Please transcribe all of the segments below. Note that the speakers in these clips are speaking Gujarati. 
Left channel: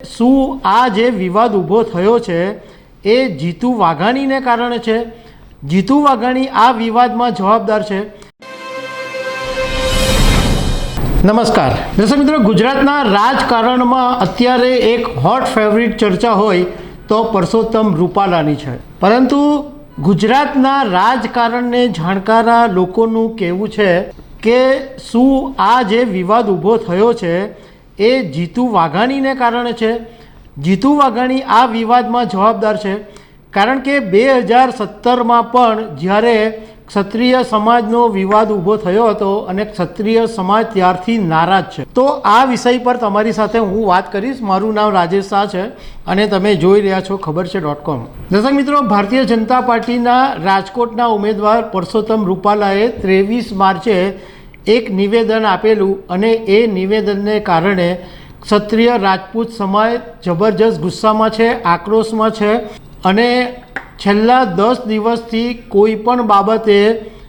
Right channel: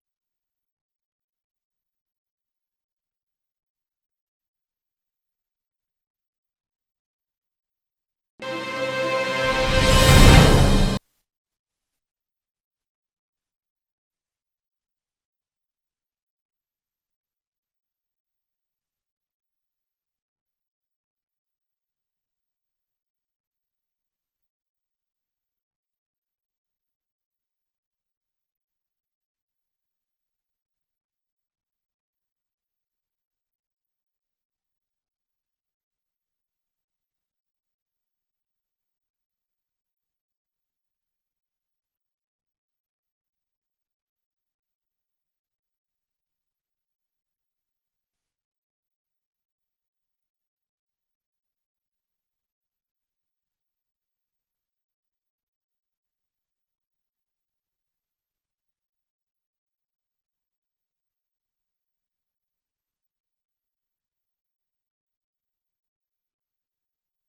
શું આ જે વિવાદ ઊભો થયો છે એ જીતુ વાઘાણીને કારણે છે? જીતુ વાઘાણી આ વિવાદમાં જવાબદાર છે? નમસ્કાર દર્શક મિત્રો, ગુજરાતના રાજકારણમાં અત્યારે એક હોટ ફેવરિટ ચર્ચા હોય તો પરસોત્તમ રૂપાલાની છે. પરંતુ ગુજરાતના રાજકારણને જાણકારા લોકોનું કહેવું છે કે શું આ જે વિવાદ ઊભો થયો છે એ જીતુ વાઘાણીને કારણે છે? જીતુ વાઘાણી આ વિવાદમાં જવાબદાર છે. કારણ કે 2017માં પણ જ્યારે ક્ષત્રિય સમાજનો વિવાદ ઊભો થયો હતો અને ક્ષત્રિય સમાજ ત્યારથી નારાજ છે. તો આ વિષય પર તમારી સાથે હું વાત કરીશ. મારું નામ રાજેશ શાહ છે અને તમે જોઈ રહ્યા છો ખબર છે .com. દર્શક મિત્રો, ભારતીય જનતા પાર્ટીના રાજકોટના ઉમેદવાર પરસોત્તમ રૂપાલાએ 23 માર્ચે એક નિવેદન આપેલું અને એ નિવેદનને કારણે ક્ષત્રિય રાજપૂત સમાજ જબરજસ્ત ગુસ્સામાં છે, આક્રોશમાં છે અને છેલ્લા 10 દિવસથી કોઈ પણ બાબતે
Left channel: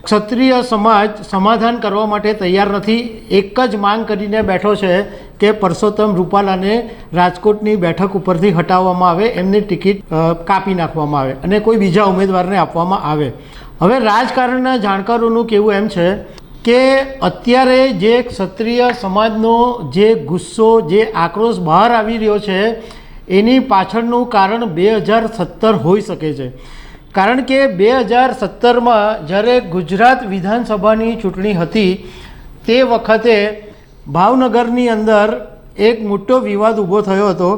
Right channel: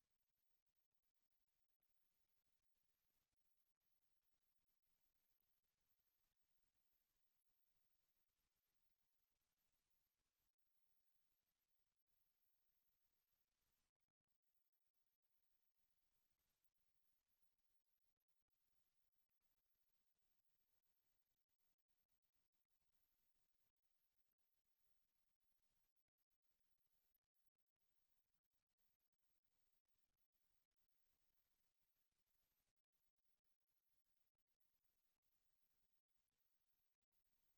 ક્ષત્રિય સમાજ સમાધાન કરવા માટે તૈયાર નથી. એક જ માંગ કરીને બેઠો છે કે પરસોત્તમ રૂપાલાને રાજકોટની બેઠક ઉપરથી હટાવવામાં આવે, એમની ટિકિટ કાપી નાખવામાં આવે અને કોઈ બીજા ઉમેદવારને આપવામાં આવે. હવે રાજકારણના જાણકારોનું કહેવું એમ છે કે અત્યારે જે ક્ષત્રિય સમાજનો જે ગુસ્સો, જે આક્રોશ બહાર આવી રહ્યો છે એની પાછળનું કારણ 2017 હોઈ શકે છે. કારણ કે 2017માં જ્યારે ગુજરાત વિધાનસભાની ચૂંટણી હતી તે વખતે ભાવનગરની અંદર એક મોટો વિવાદ ઊભો થયો હતો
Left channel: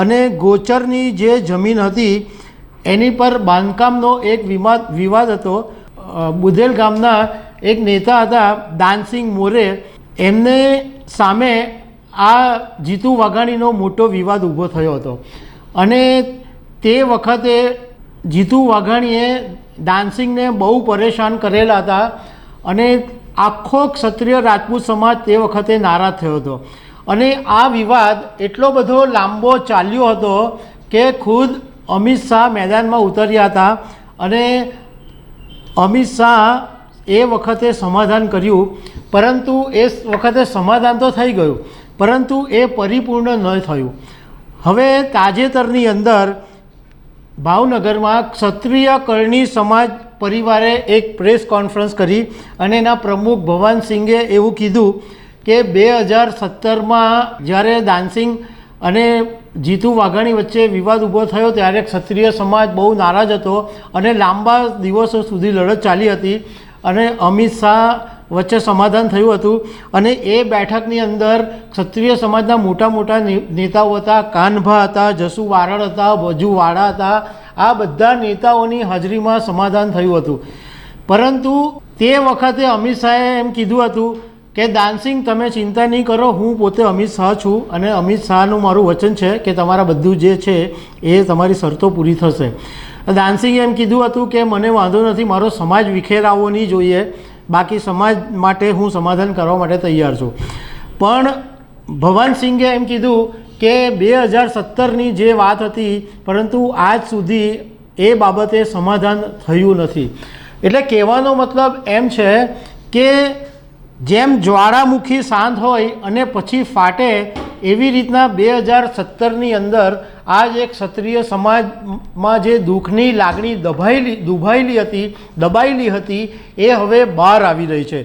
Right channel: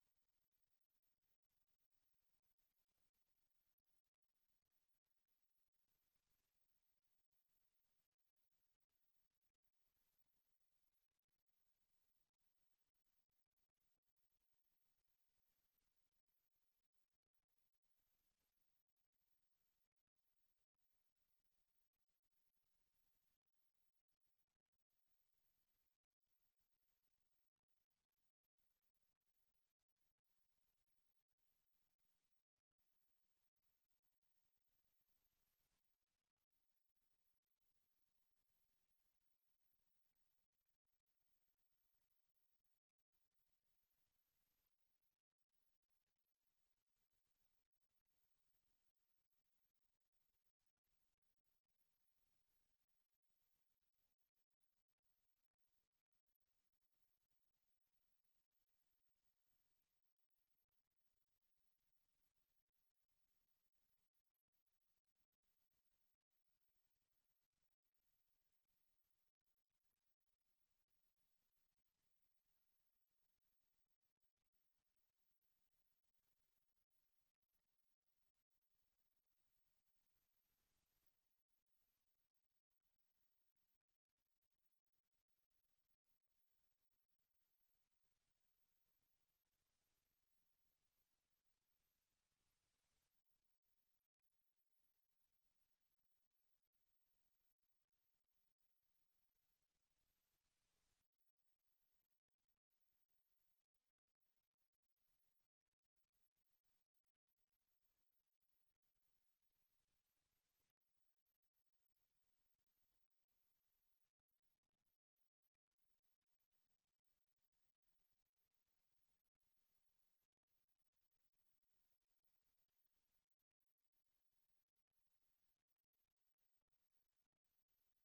અને ગોચરની જે જમીન હતી એની પર બાંધકામનો એક વિવાદ હતો. બુધેલ ગામના એક નેતા હતા દાનસિંગ મોરે, એમને સામે આ જીતુ વાઘાણીનો મોટો વિવાદ ઊભો થયો હતો અને તે વખતે જીતુ વાઘાણીએ દાનસિંગને બહુ પરેશાન કરેલા હતા અને આખો ક્ષત્રિય રાજપૂત સમાજ તે વખતે નારાજ થયો હતો. અને આ વિવાદ એટલો બધો લાંબો ચાલ્યો હતો કે ખુદ અમિત શાહ મેદાનમાં ઉતર્યા હતા અને અમિત શાહ એ વખતે સમાધાન કર્યું. પરંતુ એ વખતે સમાધાન તો થઈ ગયું પરંતુ એ પરિપૂર્ણ ન થયું. હવે તાજેતરની અંદર ભાવનગરમાં ક્ષત્રિય કરણી સમાજ પરિવારે એક પ્રેસ કોન્ફરન્સ કરી અને એના પ્રમુખ ભવાનસિંગે એવું કીધું કે 2017માં જ્યારે દાનસિંગ અને જીતુ વાઘાણી વચ્ચે વિવાદ ઊભો થયો ત્યારે ક્ષત્રિય સમાજ બહુ નારાજ હતો અને લાંબા દિવસો સુધી લડત ચાલી હતી અને અમિત શાહ વચ્ચે સમાધાન થયું હતું. અને એ બેઠકની અંદર ક્ષત્રિય સમાજના મોટા મોટા નેતાઓ હતા, કાનભા હતા, જસુ વારડ હતા, વજુ વાળા હતા. આ બધા નેતાઓની હાજરીમાં સમાધાન થયું હતું. પરંતુ તે વખતે અમિત શાહે એમ કીધું હતું કે દાનસિંગ તમે ચિંતા નહીં કરો, હું પોતે અમિત શાહ છું અને અમિત શાહનું મારું વચન છે કે તમારા બધું જે છે એ તમારી શરતો પૂરી થશે. દાનસિંગે એમ કીધું હતું કે મને વાંધો નથી, મારો સમાજ વિખેરાવો નહીં જોઈએ, બાકી સમાજ માટે હું સમાધાન કરવા માટે તૈયાર છું. પણ ભવાનસિંગે એમ કીધું કે 2017ની જે વાત હતી પરંતુ આજ સુધી એ બાબતે સમાધાન થયું નથી. એટલે કહેવાનો મતલબ એમ છે કે જેમ જ્વાળામુખી શાંત હોય અને પછી ફાટે એવી રીતના 2017ની અંદર આ જે ક્ષત્રિય સમાજમાં જે દુઃખની લાગણી દબાયેલી હતી એ હવે બહાર આવી રહી છે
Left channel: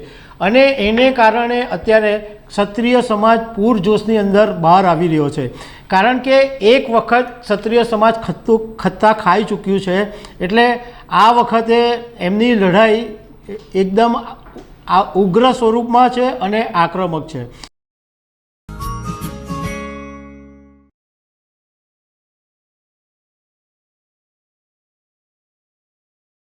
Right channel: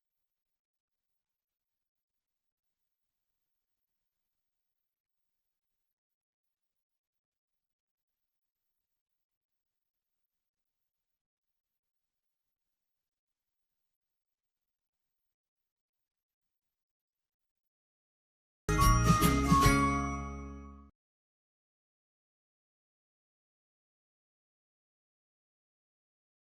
અને એને કારણે અત્યારે ક્ષત્રિય સમાજ પૂરજોશની અંદર બહાર આવી રહ્યો છે. કારણ કે એક વખત ક્ષત્રિય સમાજ ખત્તા ખાઈ ચૂક્યું છે એટલે આ વખતે એમની લડાઈ એકદમ ઉગ્ર સ્વરૂપમાં છે અને આક્રમક છે.